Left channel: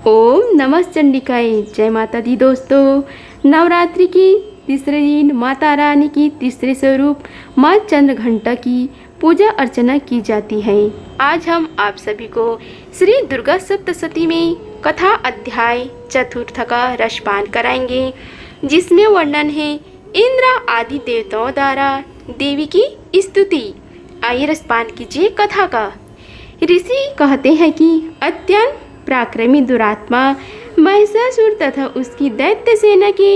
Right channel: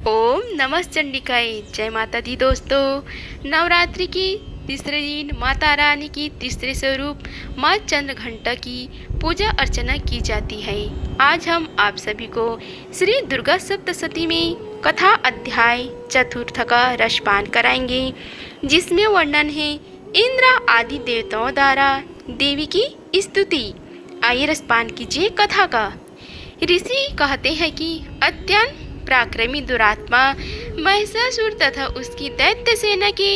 ओम नमः चंडिकाय। जय माता दी दोस्तों। नवरात्रि के तीसरे दिन माता रानी की तीसरे स्वरूप माँ चंद्रघंटा की पूजा अर्चना की जाती है। आज हम आप सभी को श्री दुर्गा सप्तशती में कथा अध्याय चतुर्थ का रसपान कराएंगे, जिसमें वर्णन है इंद्र आदि देवताओं द्वारा देवी की स्तुति। आइए रसपान कीजिए कथा का। ऋषि कहते हैं कि अत्यंत पराक्रमी दुरात्मा महिषासुर तथा उसकी दैत्य सेना के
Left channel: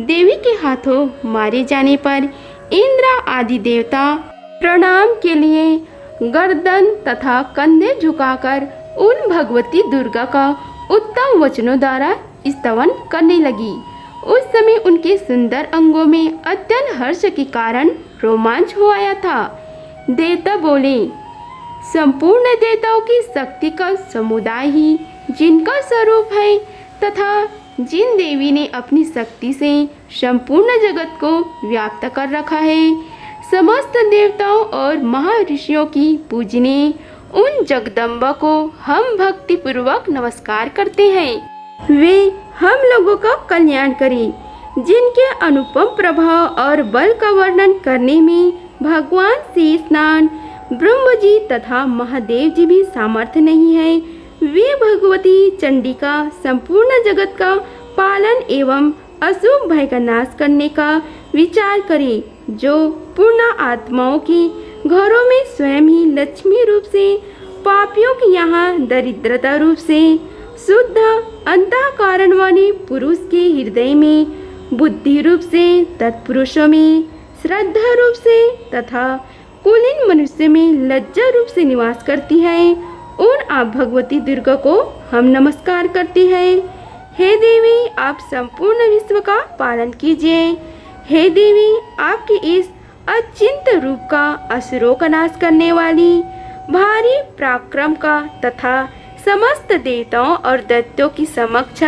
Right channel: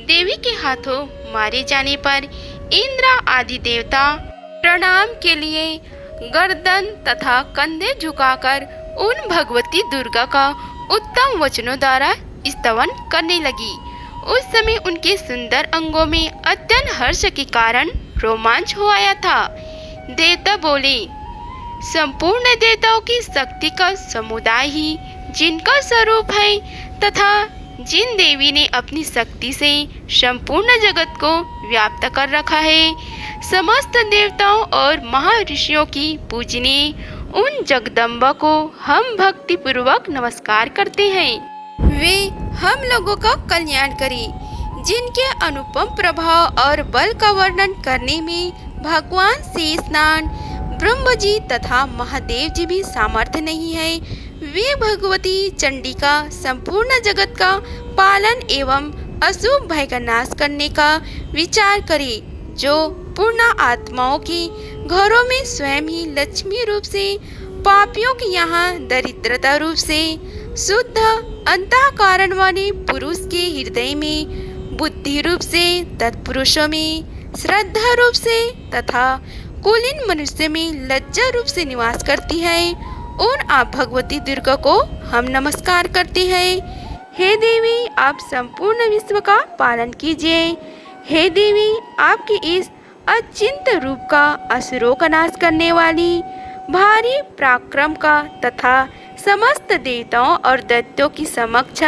देवी के हाथों मारे जाने पर इंद्र आदि देवता प्रणाम के लिए गर्दन तथा कंधे झुकाकर उन भगवती दुर्गा का उत्तम वचनों द्वारा स्तवन करने लगी। उस समय उनके सुंदर अंगों में अत्यंत हर्ष के कारण रोमांच हो आया था। देवता बोले, संपूर्ण देवताओं की शक्ति का समुदाय ही जिनका स्वरूप है तथा जिन देवी ने अपनी शक्ति से संपूर्ण जगत को व्याप्त कर रखा है, समस्त देवताओं और महर्षियों की पूजने उन जगदम्बा को हम भक्ति पूर्वक नमस्कार करते हैं। वे हम लोगों का कल्याण करें। जिनके अनुपम प्रभाव और बल का वर्णन करने में भगवान शेषनाग, ब्रह्म जी तथा महादेव जी भी सामर्थ्य नहीं है, वे भगवती चंडिका संपूर्ण जगत का पालन एवं अशुभ भय का नाश करने का विचार करें, जो पूर्ण आत्माओं की घरों में स्वयं ही लक्ष्मी रूप से, पापियों के यहाँ दरिद्रता रूप से, शुद्ध अंतःकरण वाले पुरुष के हृदय में बुद्धि रूप से, तत्पुरुषों में श्रद्धा रूप से तथा कुलीन मनुष्य में लज्जा रूप से निवास करती है, उन आप भगवती दुर्गा को हम नमस्कार करते हैं। हे देवी, आप संपूर्ण विश्व का पालन कीजिए। हे देवी, आपके इस अचिंत रूप का असुरों का नाश करने वाली भारी पराक्रम का तथा समस्त देवताओं और दैत्यों की समक्ष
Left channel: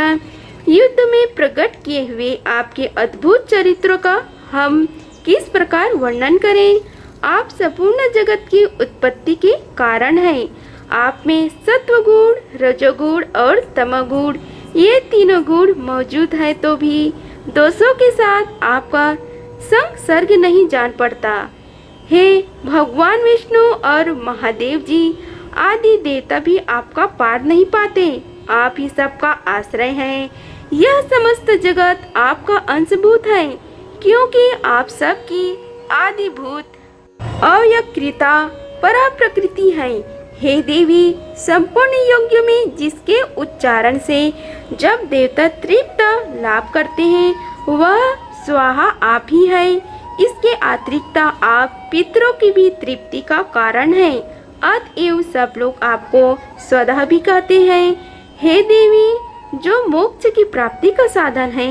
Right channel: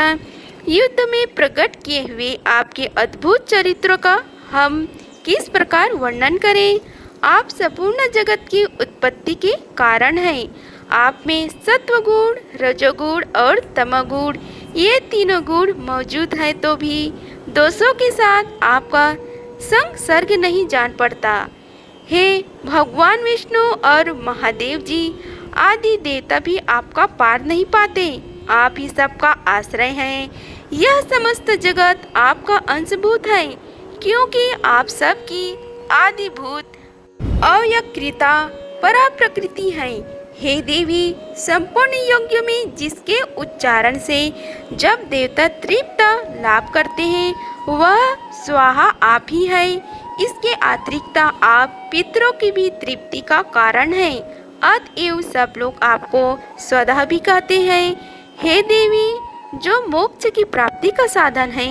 युद्ध में प्रकट किए हुए आपके अद्भुत चरित्रों का हम किस प्रकार वर्णन करें। आप संपूर्ण जगत की उत्पत्ति के कारण हैं। आप में सत्वगुण, रजोगुण और तमोगुण, ये तीनों गुण मौजूद है तो भी दोषों के साथ आपका संसर्ग नहीं जान पड़ता। हे भगवान विष्णु और महादेव जी आदि देवता भी आपका पार नहीं पाते। आप ही सबका आश्रय हैं। यह समस्त जगत आपका अंशभूत है, क्योंकि आप सबकी आदिभूत अव्यक्तता परा प्रकृति है। हे देवी, संपूर्ण यज्ञ में जिसके उच्चारण से जब देवता तृप्त लाभ करते हैं, वह स्वाहा आप ही है। इसके अतिरिक्त आप पितरों की भी तृप्ति का कारण है। अतएव सब लोग आपको स्वतः भी कहते हैं। हे देवी, जो मोक्ष की प्राप्ति का साधन है,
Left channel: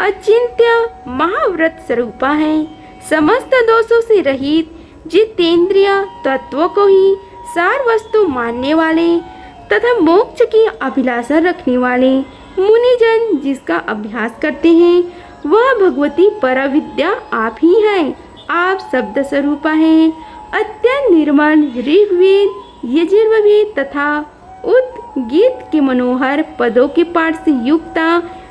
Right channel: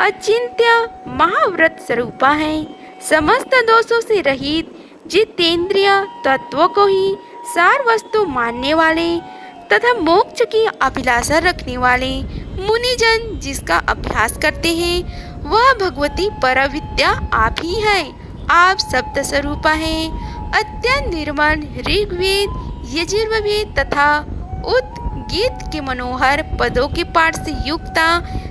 अचिंत्य महाव्रत स्वरूपा है, समस्त दोषों से रहित जितेंद्रिय तत्वों को ही सार वस्तु मानने वाले तथा मोक्ष की अभिलाषा रखने वाले मुनिजन जिसका अभ्यास करते हैं, वह भगवती परविद्या आप ही हैं। आप शब्द स्वरूपा हैं। अत्यंत निर्मल ऋग्वेद, यजुर्वेद तथा उद्गीत के मनोहर पदों के पाठ से युक्त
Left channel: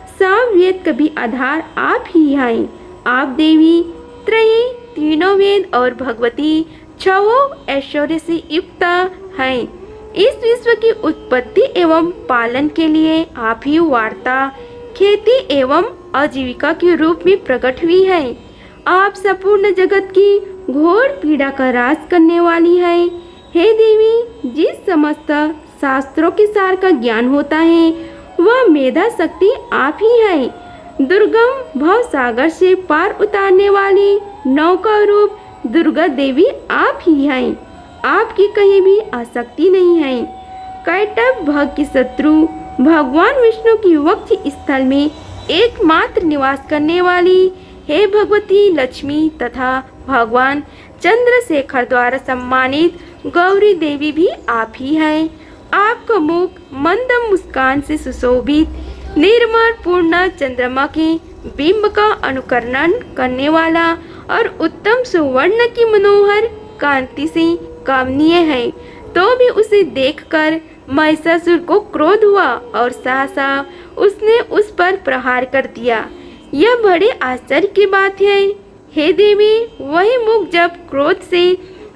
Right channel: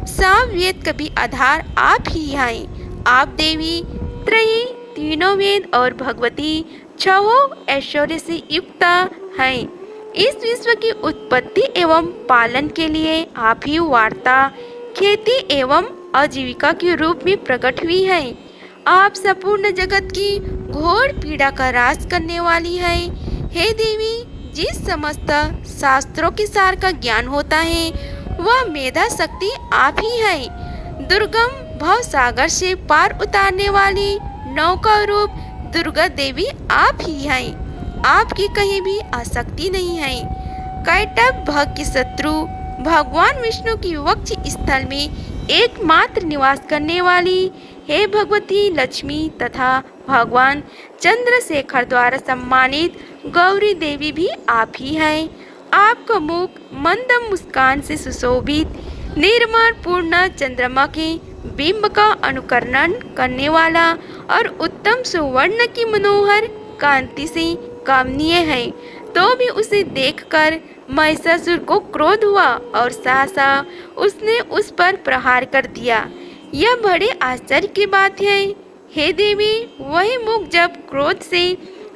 सामवेद का भी आधार आप ही हैं। आप देवी त्रयी, तीनों वेद और भगवती छवों ऐश्वर्य से युक्त हैं। इस विश्व की उत्पत्ति एवं पालन के लिए आप ही वार्ता, खेती एवं आजीविका के रूप में प्रकट हुई है। आप संपूर्ण जगत की घोर पीड़ा का राज करने वाली है। हे देवी, जिस समस्त शास्त्रों के सार का ज्ञान होता है, वह मेधा शक्ति आप ही है। दुर्गम भव सागर से पार उतारने वाली नौका रूप दुर्गा देवी आप ही हैं। आपकी कहीं भी आसक्ति नहीं है। कैटभ भग के शत्रु भगवान विष्णु की वक्ष स्थल में एकमात्र निवास करने वाली हे भगवती लक्ष्मी तथा भगवान चंद्रशेखर द्वारा सम्मानित गौरी देवी भी आप ही हैं। आपका मुख मंद मुस्कान से सुशोभित निर्मल पूर्ण चंद्रमा के बिंब का अनुकरण करने वाला और उत्तम सुवर्ण की मनोहर कांति से कामनीय है, तो भी उसे देखकर महिषासुर को क्रोध हुआ और सहसा उसने उस पर प्रहार कर दिया। यह बड़े आश्चर्य की बात है। हे देवी, वही मुख जब क्रोध से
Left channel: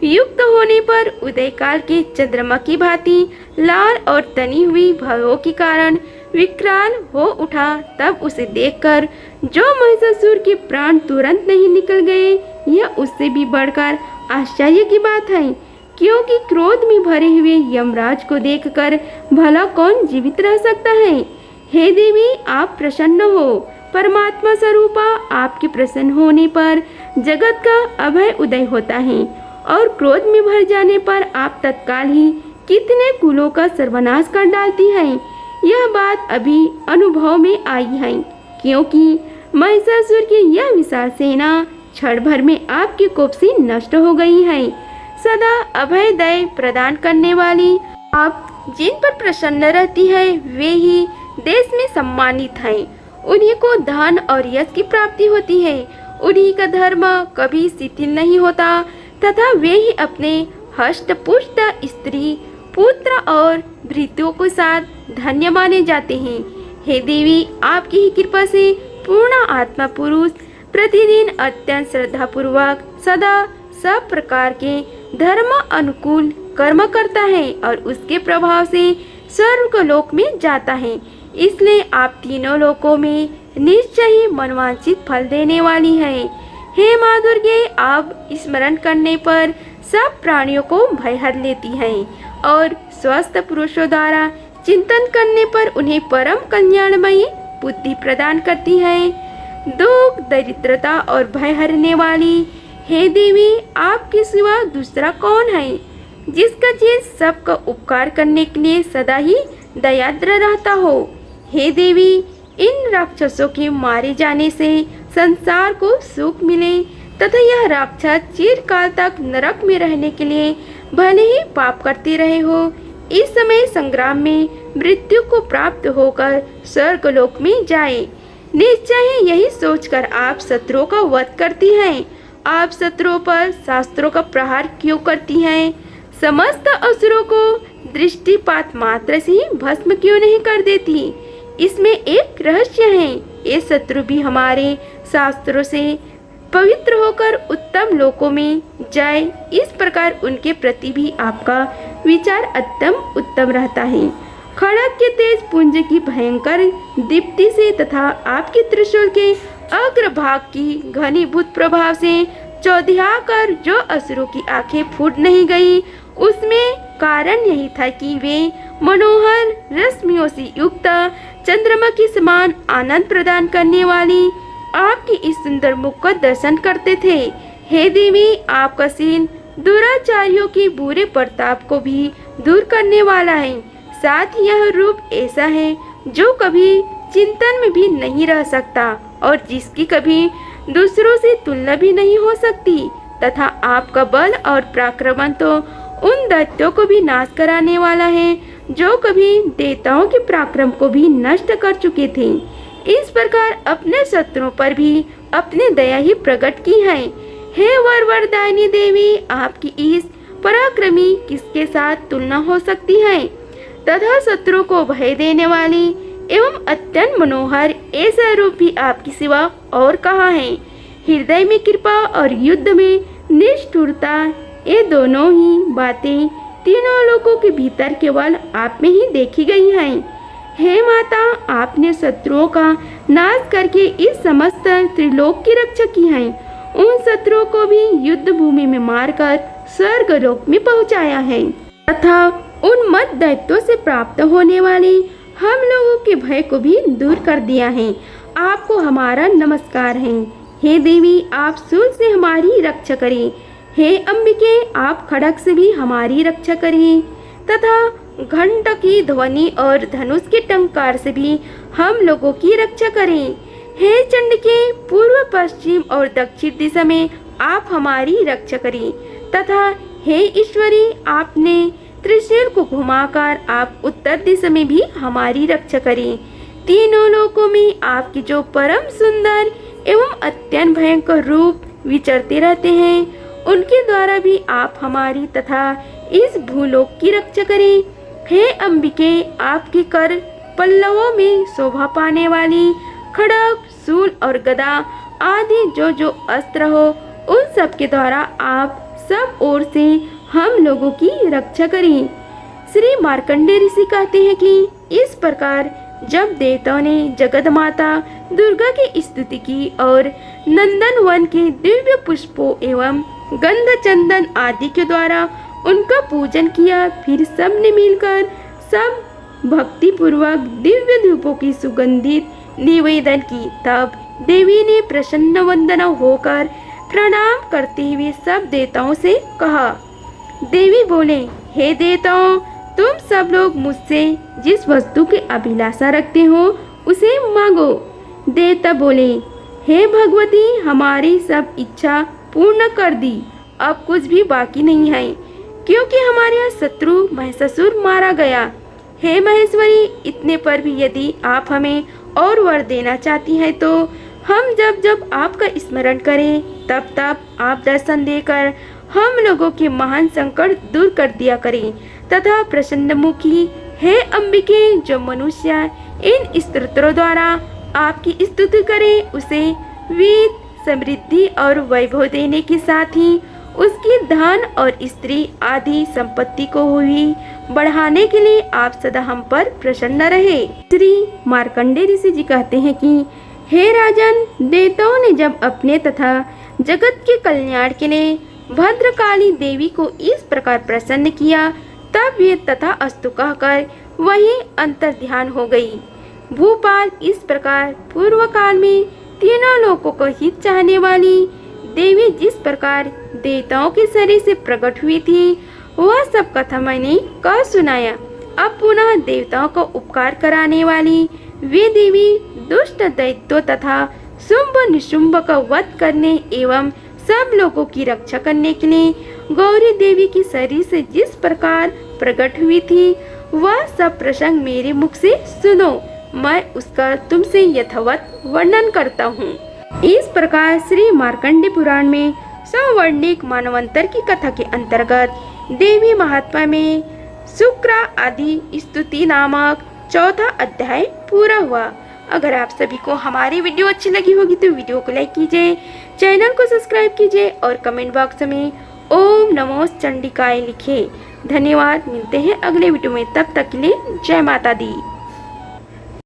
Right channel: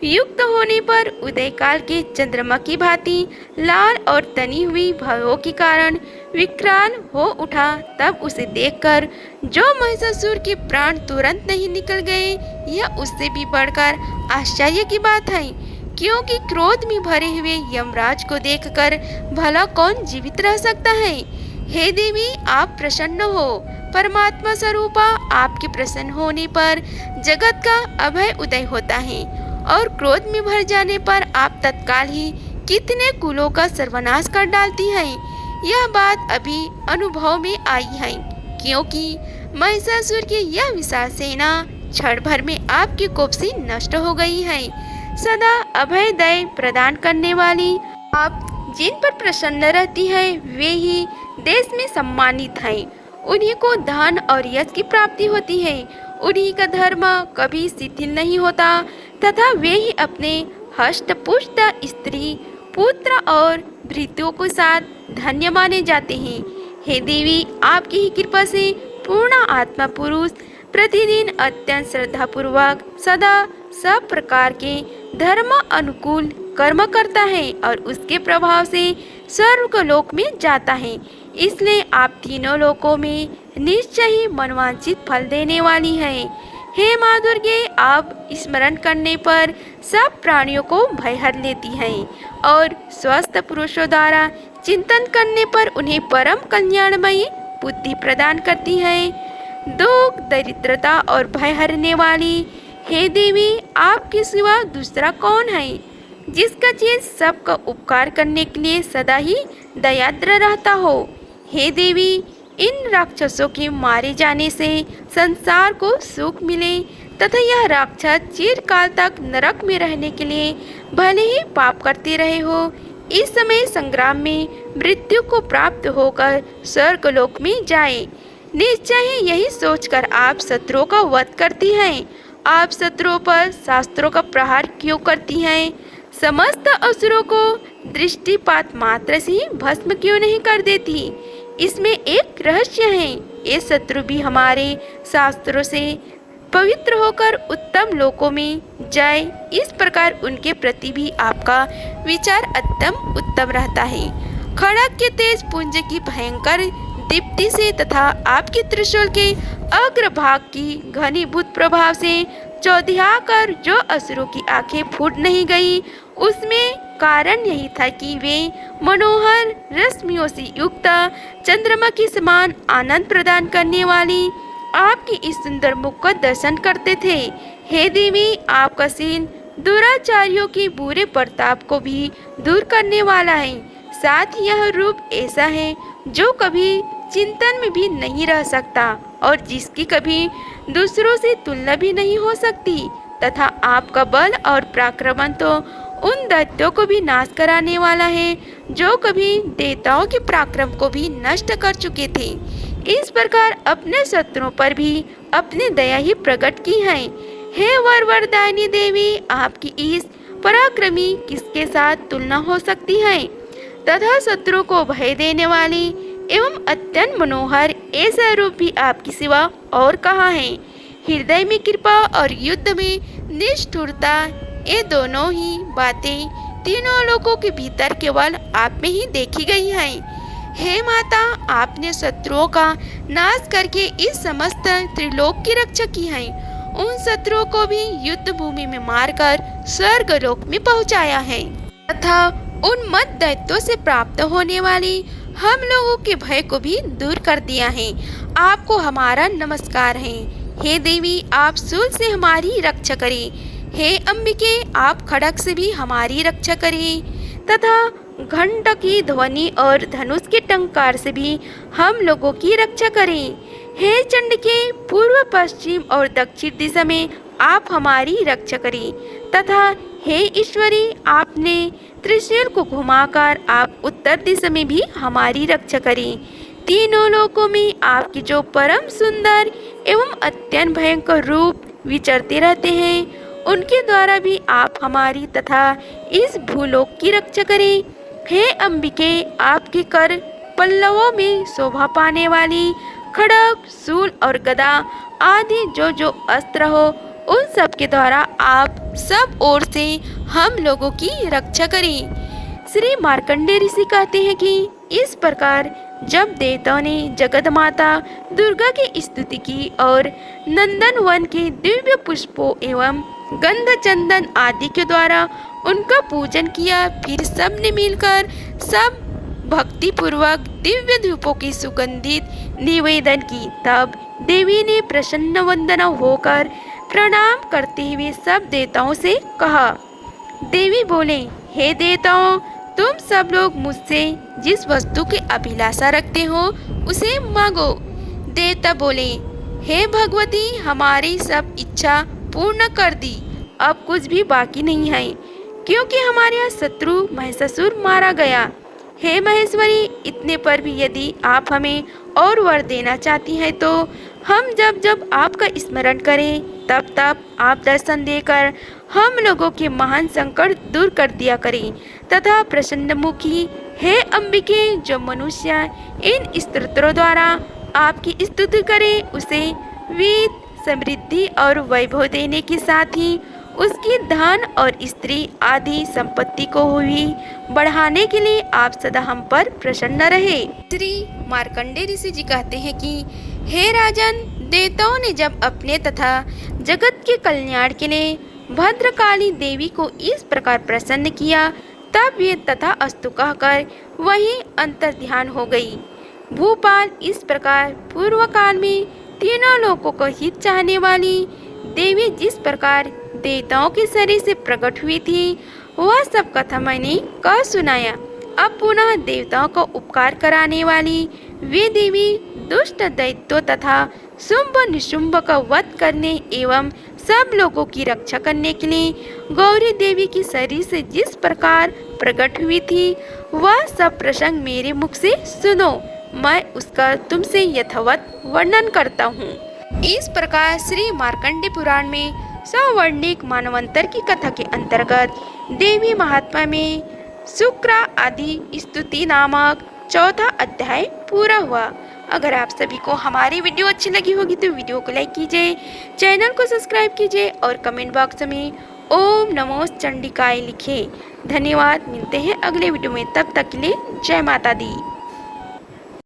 युक्त होने पर उदय काल के चंद्रमा की भांति लाल और तनी हुई भयों के कारण विकराल हो उठा, तब उसे देखकर जो महिषासुर के प्राण तुरंत नहीं निकल गए, यह उससे भी बढ़कर आश्चर्य की बात है, क्योंकि क्रोध में भरे हुए यमराज को देखकर भला कौन जीवित रह सकता है। हे देवी, आप प्रसन्न हो। परमात्मा स्वरूपा आपके प्रसन्न होने पर जगत का अभय उदय होता है और क्रोध में भर जाने पर आप तत्काल ही कितने कुलों का सर्वनाश कर डालती हैं। यह बात अभी अनुभव में आई है, क्योंकि महिषासुर की यह विशाल सेना क्षण भर में आपके कोप से नष्ट हो गई है। सदा अभय दया प्रदान करने वाली आप जिन पर प्रसन्न रहती है, वे ही देश में सम्मानित हैं। उन्हीं को धन और यश की प्राप्ति होती है। उन्हीं का धर्म कभी शिथिल नहीं होता तथा वे ही अपने हष्ट पुष्ट स्त्री, पुत्र और भृत्यों के साथ धन्य माने जाते हैं। हे देवी, आपकी ही कृपा से पूर्ण आत्मा पुरुष प्रतिदिन अत्यंत श्रद्धा पूर्वक सदा सब प्रकार के धर्म अनुकूल कर्म करता है और उसके प्रभाव से स्वर्ग लोक में जाता है। इसलिए आप तीनों लोकों में निश्चय ही मनवांछित फल देने वाली है। हे माँ दुर्गे, आप स्मरण करने पर सब प्राणियों को भय हर लेती हैं और स्वस्थ पुरुषों द्वारा चिंतन करने पर उन्हें परम कल्याणमयी बुद्धि प्रदान करती हैं। दुख, दरिद्रता और भय हरने वाली हे देवी, आपके सिवा दूसरा कौन है जिसका चीज सबका उपकार करने के लिए सदा ही दयाद्र रहता हो। हे देवी, इन राक्षसों के मारे जाने से संसार को सुख मिले तथा यह राक्षस चिरकाल तक नरक में रहने के लिए भले ही पाप करते रहे हो, इस समय संग्राम में मृत्यु को प्राप्त होकर स्वर्ग लोक में जाए। निश्चय ही यही सोचकर आप शत्रुओं का वध करती हैं। आप शत्रुओं पर शास्त्रों का प्रहार क्यों करती हैं? समस्त असुरों को दृष्टिपात मात्र से ही भस्म क्यों नहीं कर देती? इसमें एक रहस्य है। ये शत्रु भी हमारे शास्त्रों से पवित्र होकर उत्तम लोकों में जाए, इस प्रकार उनके प्रति भी आपका विचार अत्यंत उत्तम रहता है। खड़ग के तेज पुंज की भयंकर दीप्ति से तथा आपके त्रिशूल के अग्रभाग की घनीभूत प्रभाव से चौधिया कर जो असुरों की आंखें फूट नहीं गई, उसमें कारण यही था कि वे मनोहर रश्मियों से युक्त चंद्रमा के समान आनंद प्रदान करने वाली आपकी इस सुंदर मुख का दर्शन करते थे। हे देवी, आपका सीन दुराचारियों के बुरे प्रताप को भी दूर करने वाला है। साथ ही यह रूप ऐसा है जो कभी चिंतन में भी नहीं रह सकता और जिसकी कभी दूसरों से तुलना भी नहीं हो सकती, तथा आपका बल और पराक्रम तो उन दैत्यों को भी नाश कराने वाला है जो कभी देवताओं के पराक्रम को भी नष्ट कर चुके थे। इस प्रकार अपने शत्रुओं पर भी अपने दया ही प्रकट की है। हे वरदायिनी देवी, आपकी इस पराक्रमी किसके साथ तुलना हो सकती है? तथा शत्रु को भय देने वाली एवं अत्यंत मनोहर ऐसा रूप भी आपकी सिवा और कहाँ है? हृदय में कृपा और युद्ध में निष्ठुरता, ये दोनों ही बातें तीनों लोगों के भीतर केवल आप में ही देखी गई हैं। हे माता, आपने शत्रुओं का नाश करके इस समस्त त्रिलोक की रक्षा की है। उन शत्रुओं को भी युद्ध भूमि में मारकर स्वर्ग लोक में पहुंचाया है तथा उन मत दैत्यों से प्राप्त होने वाली हम लोगों के भय को भी दूर कर दिया है। आपको हमारा नमस्कार है। हे देवी, आप शूल से हमारी रक्षा करें। हे अंबिके, आप खड़ग से भी हमारी रक्षा करिए तथा घंट की ध्वनि और धनुष के टंकार से भी हम लोगों की रक्षा करें। हे चंडिके, पूर्व, पश्चिम और दक्षिण दिशा में आप हमारी रक्षा करें तथा हे ईश्वरी, आपने त्रिशूल को घुमाकर आप उत्तर दिशा में भी हमारी रक्षा करें। तीनों लोकों में आपके जो परम सुंदर एवं अत्यंत भयंकर रूप विचरते रहते हैं, उनके द्वारा भी आप हमारी तथा इस भूलोक की रक्षा करें। हे अंबिके, आपके कर पल्लवों में शोभा पाने वाली खड्ग, शूल और गदा आदि जो अस्त्र हो, उन सब के द्वारा आप सब ओर से हम लोगों की रक्षा करें। श्री मार्कंडेय ऋषि कहते हैं कि इस प्रकार जब देवताओं ने जगत माता दुर्गा की स्तुति की और नंदन वन के दिव्य पुष्पों एवं गंध चंदन आदि के द्वारा उनका पूजन किया, फिर सब ने मिलकर सब भक्ति पूर्वक दिव्य धूपों की सुगंधित निवेदन की। तब देवी ने प्रसन्न वंदना होकर प्रणाम करते हुए सब देवताओं से कहा। देवी बोले, हे देवताओं, तुम सब लोग मुझसे जिस वस्तु की अभिलाषा रखते हो उसे मांगो। देवता बोले, हे भगवती, हमारी सब इच्छा पूर्ण कर दी, अब कुछ भी बाकी नहीं है, क्योंकि हमारे यहाँ शत्रु महिषासुर मारा गया। हे महेश्वरी, इतने पर भी यदि आप हमें और वर देना चाहती हैं तो हम जब जब आपका स्मरण करें तब तब आप दर्शन देकर हम लोगों के महान संकट दूर कर दिया करें, तथा प्रसन्न मुखी हे अंबिके, जो मनुष्य इन स्तोत्रों द्वारा आपकी स्तुति करे उसे वीर, समृद्धि और वैभव देने के साथ ही उसकी धन और स्त्री आदि संपत्ति को भी बढ़ाने के लिए आप सदा हम पर प्रसन्न रहे। श्री मार्कंडेय ऋषि जी कहते हैं कि हे राजन, देवताओं ने जब अपने तथा जगत के कल्याण के लिए भद्रकाली देवी को इस प्रकार प्रसन्न किया, तब ये तथा अस्तु कहकर वही अंतर ध्यान हो गई। भूपाल, इस प्रकार पूर्व काल में तीनों लोगों को हित चाहने वाली देवी जिस प्रकार देवताओं के शरीर से प्रकट हुई थी, वह सब कथा मैंने कह सुनाया। अब पुनः देवताओं को उपकार कराने वाली वे देवी दुष्ट दैत्यों तथा शुंभ निशुंभ का वध करने एवं सब लोगों की रक्षा करने के लिए गौरी देवी की शरीर से जिस प्रकार प्रकट हुई थी, वह सब प्रसंग मेरे मुख से सुनो, मैं उसका तुमसे यथावत वर्णन करता हूँ। इस प्रकार श्री मार्कंडेय पुराण में सौवर्णिक मानवंतर की कथा के अंतर्गत देवी महात्मा में शुक्र आदि स्तुति नामक चौथा अध्याय पूरा हुआ। अगर आप सभी को हमारी वीडियो अच्छी लगी होगी तो वीडियो को लाइक कीजिए, चैनल को सब्सक्राइब कीजिए और कमेंट बॉक्स में ओम नमो चंडिकाय लिखिए। धन्यवाद, मिलते हैं अगले वीडियो में, तब तक के लिए जय माता दी।